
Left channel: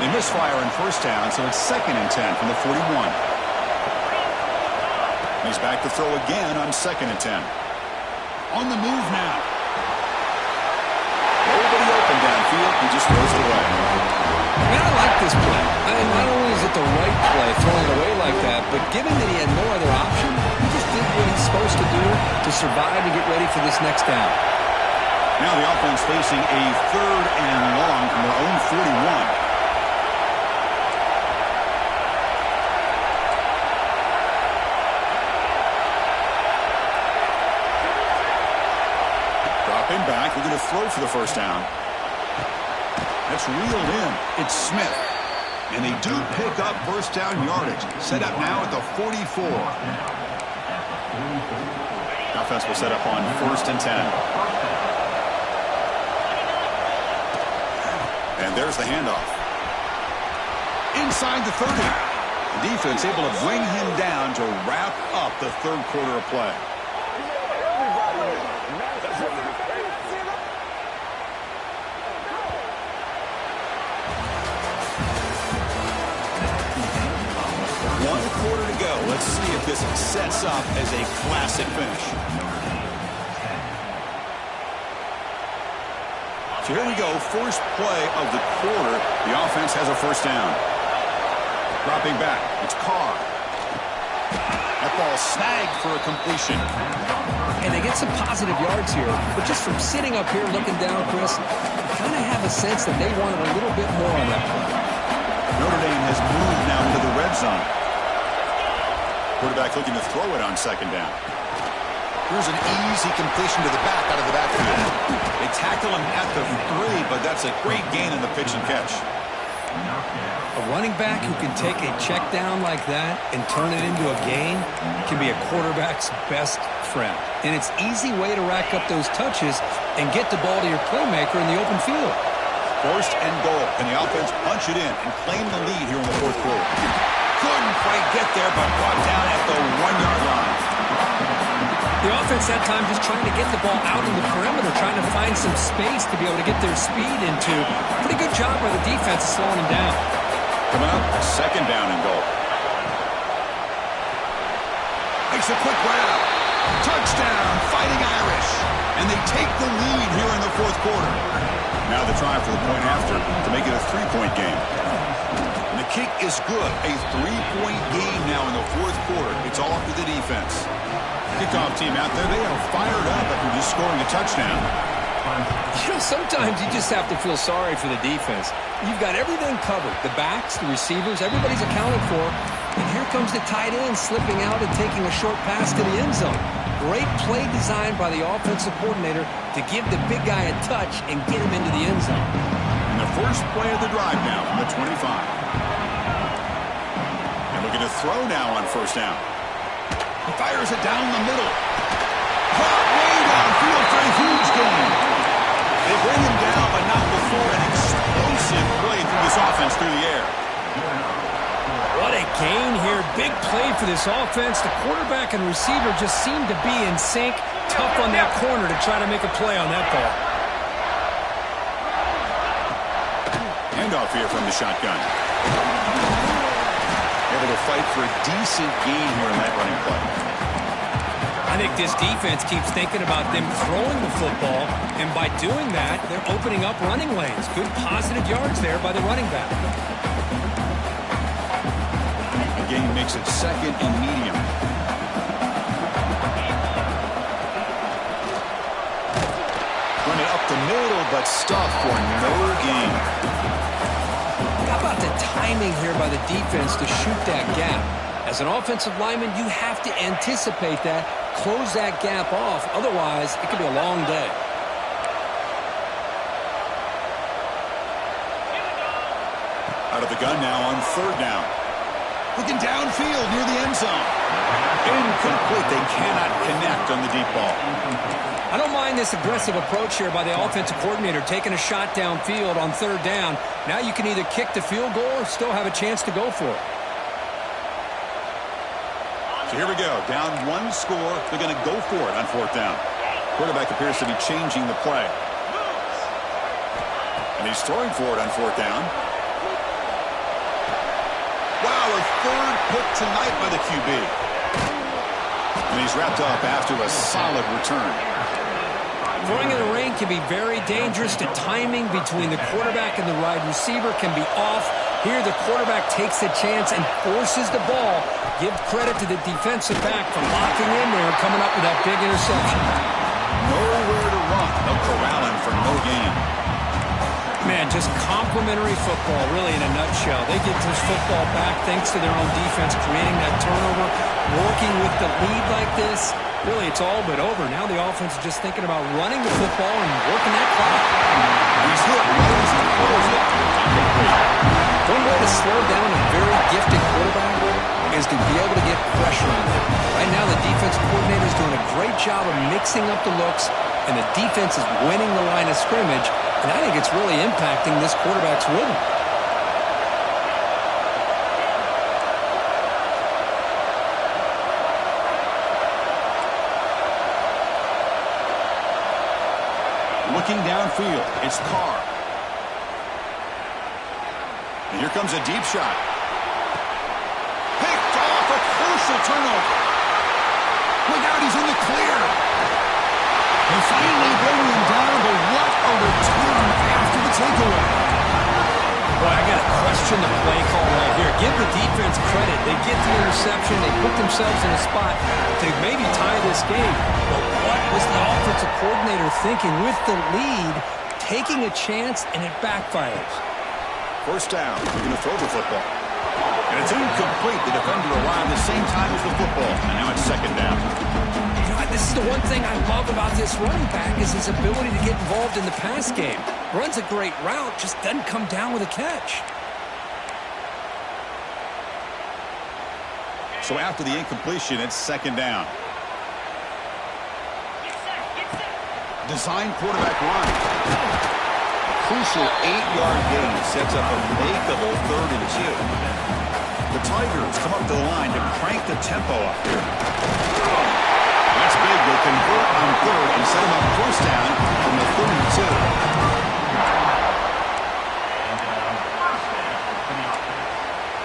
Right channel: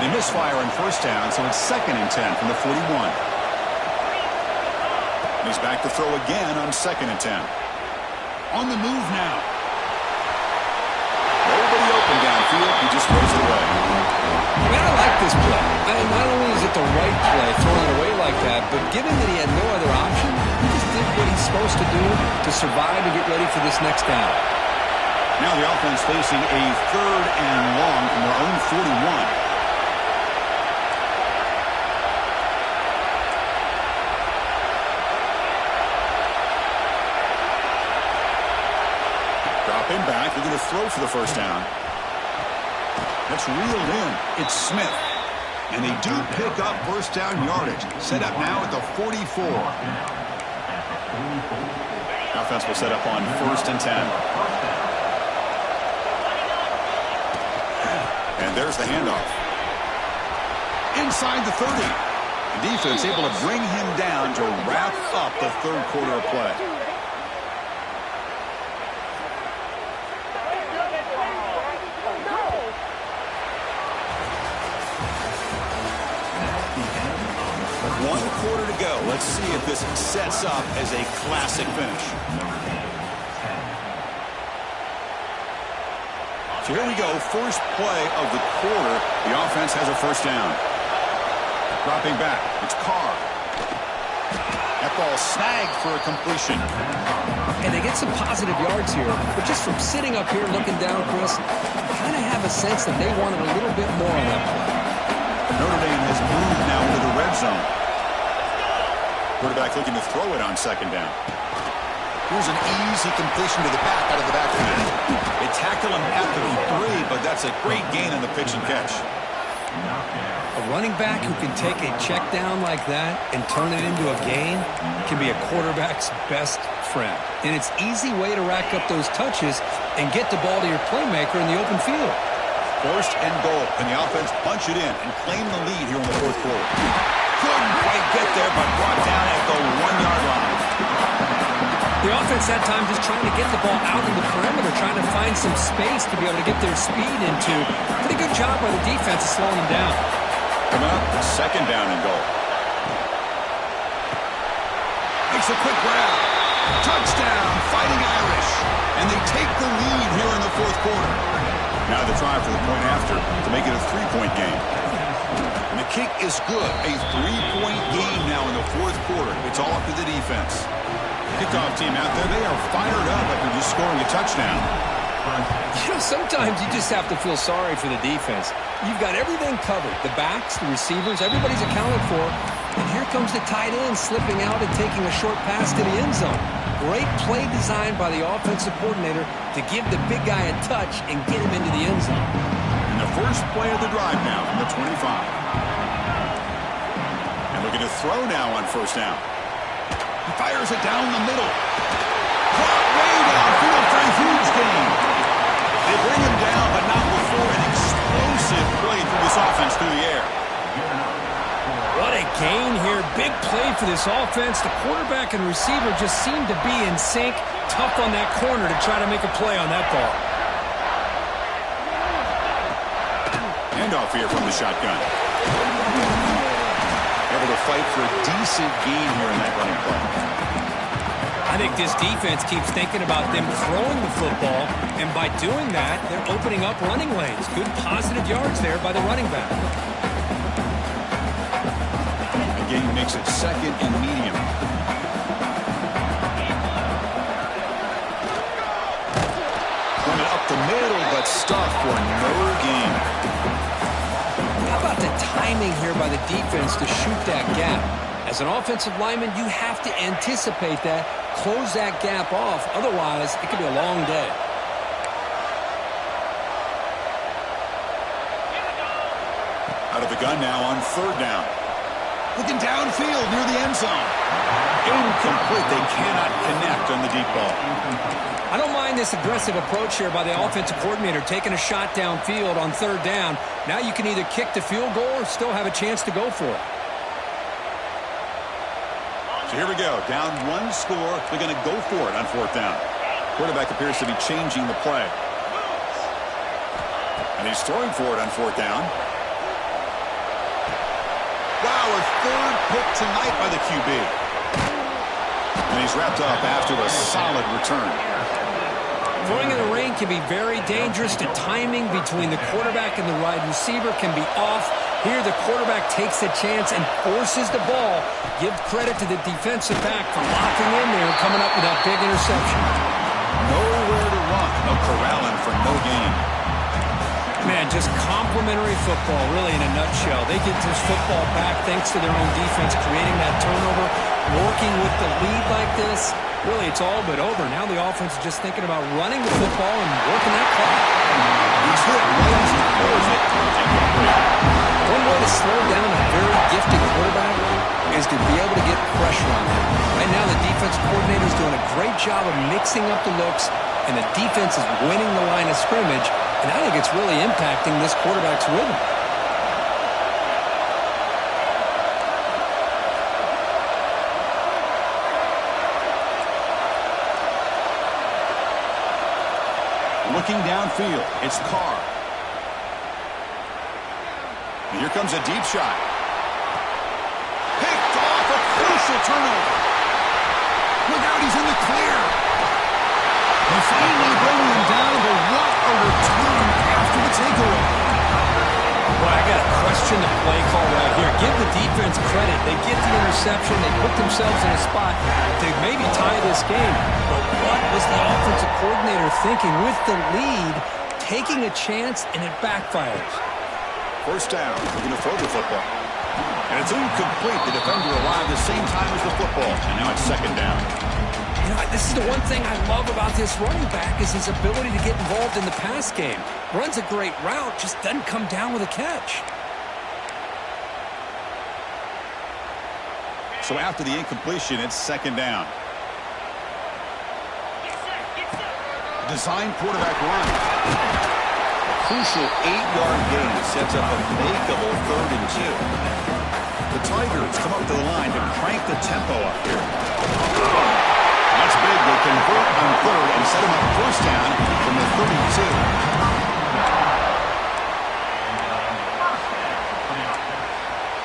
They misfire on first down, so it's 2nd and 10 from the 41. He's back to throw again on 2nd and 10. On the move now. Nobody open downfield. He just throws it away. Man, I like this play. Not only is it the right play, throwing it away like that, but given that he had no other option, he just did what he's supposed to do to survive and get ready for this next down. Now the offense facing a 3rd and long from their own 41. Dropping back, looking to throw for the first down. That's reeled in. It's Smith. And they do pick up first down yardage. Set up now at the 44. Offense will set up on 1st and 10. And there's the handoff. Inside the 30. The defense able to bring him down to wrap up the 3rd quarter of play. One quarter to go. Let's see if this sets up as a classic finish. So here we go. First play of the quarter. The offense has a first down. Dropping back. It's Carr. That ball snagged for a completion. And they get some positive yards here. But just from sitting up here looking down, Chris, you kind of have a sense that they wanted a little bit more on that play. Notre Dame has moved now into the red zone. Quarterback looking to throw it on 2nd down. Here's an easy completion to the back out of the backfield. They tackle him at the 3, but that's a great gain in the pitch and catch. A running back who can take a check down like that and turn it into a gain can be a quarterback's best friend. And it's an easy way to rack up those touches and get the ball to your playmaker in the open field. 1st and goal. Can the offense punch it in and claim the lead here in the 4th quarter? Couldn't quite get there, but brought down at the 1-yard line. The offense that time just trying to get the ball out in the perimeter, trying to find some space to be able to get their speed into. Pretty good job by the defense of slowing them down. Coming up, 2nd down and goal. Makes a quick grab. Touchdown, Fighting Irish. And they take the lead here in the 4th quarter. Now the try for the point after to make it a 3-point game. And the kick is good. A 3-point game now in the 4th quarter. It's all up to the defense. Kickoff team out there, they are fired up after just scoring a touchdown. You know, sometimes you just have to feel sorry for the defense. You've got everything covered. The backs, the receivers, everybody's accounted for. And here comes the tight end slipping out and taking a short pass to the end zone. Great play design by the offensive coordinator to give the big guy a touch and get him into the end zone. And the first play of the drive now from the 25. And looking to throw now on 1st down. He fires it down the middle. Caught way downfield for a huge gain. They bring him down, but not before an explosive play through this offense through the air. What a gain here. Big play for this offense. The quarterback and receiver just seem to be in sync. Tough on that corner to try to make a play on that ball. Handoff here from the shotgun. Able to fight for a decent gain here in that running play. I think this defense keeps thinking about them throwing the football, and by doing that, they're opening up running lanes. Good positive yards there by the running back. The gain makes it 2nd and medium. Run it up the middle, but stuffed for no gain. How about the timing here by the defense to shoot that gap? As an offensive lineman, you have to anticipate that, close that gap off. Otherwise, it could be a long day. Out of the gun now on 3rd down. Looking downfield near the end zone. Incomplete. They cannot connect on the deep ball. I don't mind this aggressive approach here by the offensive coordinator, taking a shot downfield on 3rd down. Now you can either kick the field goal or still have a chance to go for it. So here we go. Down 1 score. They're going to go for it on 4th down. Quarterback appears to be changing the play. And he's throwing for it on 4th down. a third pick tonight by the QB. And he's wrapped up after a solid return. Throwing in the rain can be very dangerous. The timing between the quarterback and the wide receiver can be off. Here, the quarterback takes a chance and forces the ball. Give credit to the defensive back for locking in there and coming up with that big interception. Nowhere to run. They'll corral him for no gain. Man, just complimentary football, really, in a nutshell. They get this football back thanks to their own defense, creating that turnover, working with the lead like this. Really, it's all but over. Now the offense is just thinking about running the football and working that clock. He's hit right as he throws it. Incomplete. One way to slow down a very gifted quarterback is to be able to get pressure on him. Right now, the defense coordinator is doing a great job of mixing up the looks, and the defense is winning the line of scrimmage, and I think it's really impacting this quarterback's rhythm. Looking downfield, it's Carr. And here comes a deep shot. Picked off, a crucial turnover. Look out, he's in the clear. They finally bring him down, but what a return after the takeaway. Well, I got to question the play call right here. Give the defense credit. They get the interception. They put themselves in a spot to maybe tie this game. But what was the offensive coordinator thinking with the lead, taking a chance, and it backfires? First down, they're going to throw the football. And it's incomplete. The defender arrived the same time as the football. And now it's second down. You know, this is the one thing I love about this running back is his ability to get involved in the pass game. Runs a great route, just doesn't come down with a catch. So after the incompletion, it's second down. Design quarterback run. A crucial 8-yard gain sets up a makeable 3rd and 2. The Tigers come up to the line to crank the tempo up here. That's big. They convert on 3rd and set him up first down from the 32.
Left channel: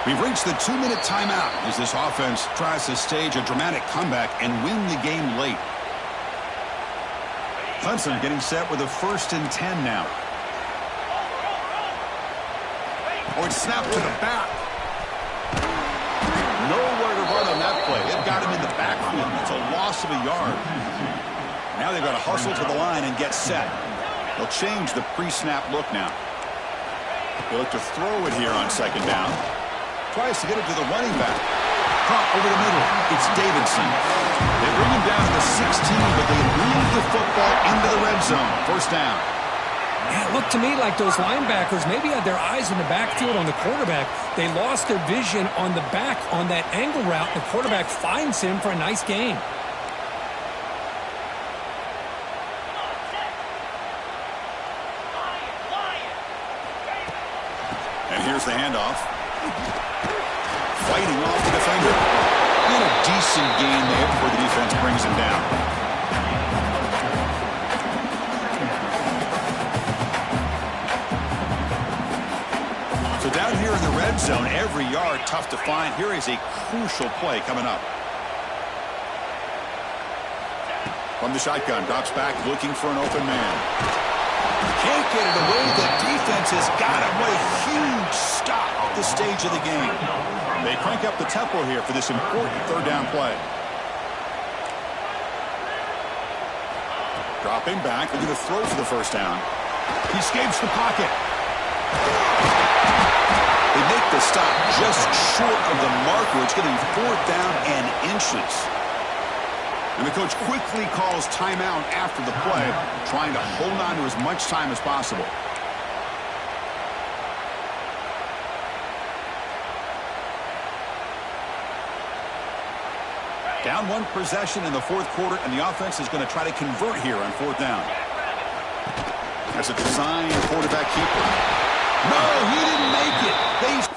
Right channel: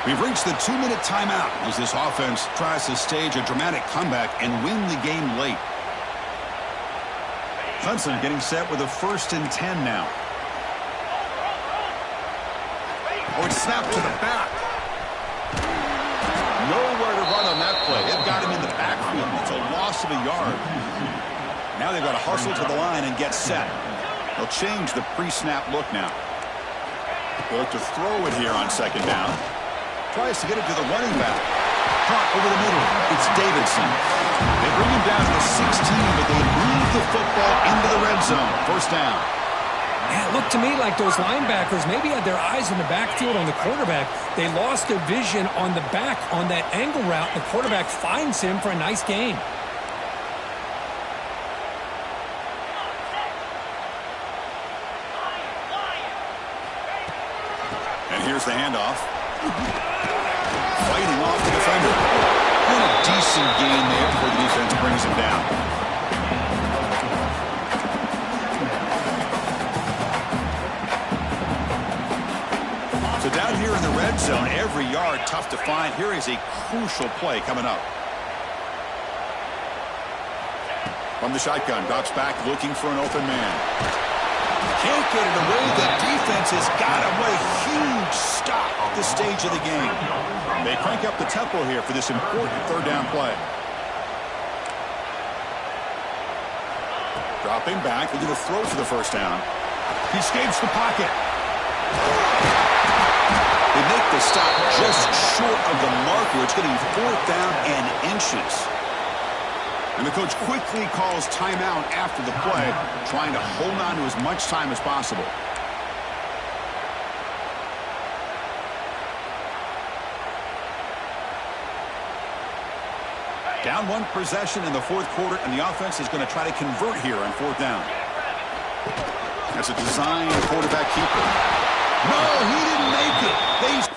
We've reached the 2-minute timeout as this offense tries to stage a dramatic comeback and win the game late. Clemson getting set with a 1st and 10 now. Oh, it's snapped to the back. Nowhere to run on that play. They've got him in the backfield. It's a loss of a yard. Now they've got to hustle to the line and get set. They'll change the pre-snap look now. They look to throw it here on second down. Tries to get it to the running back. Caught over the middle. It's Davidson. They bring him down to the 16, but they move the football into the red zone. First down. Yeah, it looked to me like those linebackers maybe had their eyes in the backfield on the quarterback. They lost their vision on the back on that angle route. The quarterback finds him for a nice gain. And here's the handoff. Fighting off the defender. And a decent gain there before the defense brings him down. So down here in the red zone, every yard tough to find. Here is a crucial play coming up. From the shotgun, drops back looking for an open man. Can't get it away. The defense has got him. What a huge stop at this stage of the game. They crank up the tempo here for this important 3rd down play. Dropping back. They're going to throw for the first down. He escapes the pocket. They make the stop just short of the mark where it's going to be 4th down and inches. And the coach quickly calls timeout after the play, trying to hold on to as much time as possible. Down 1 possession in the 4th quarter, and the offense is going to try to convert here on 4th down. That's a design quarterback keeper. No, he didn't make it.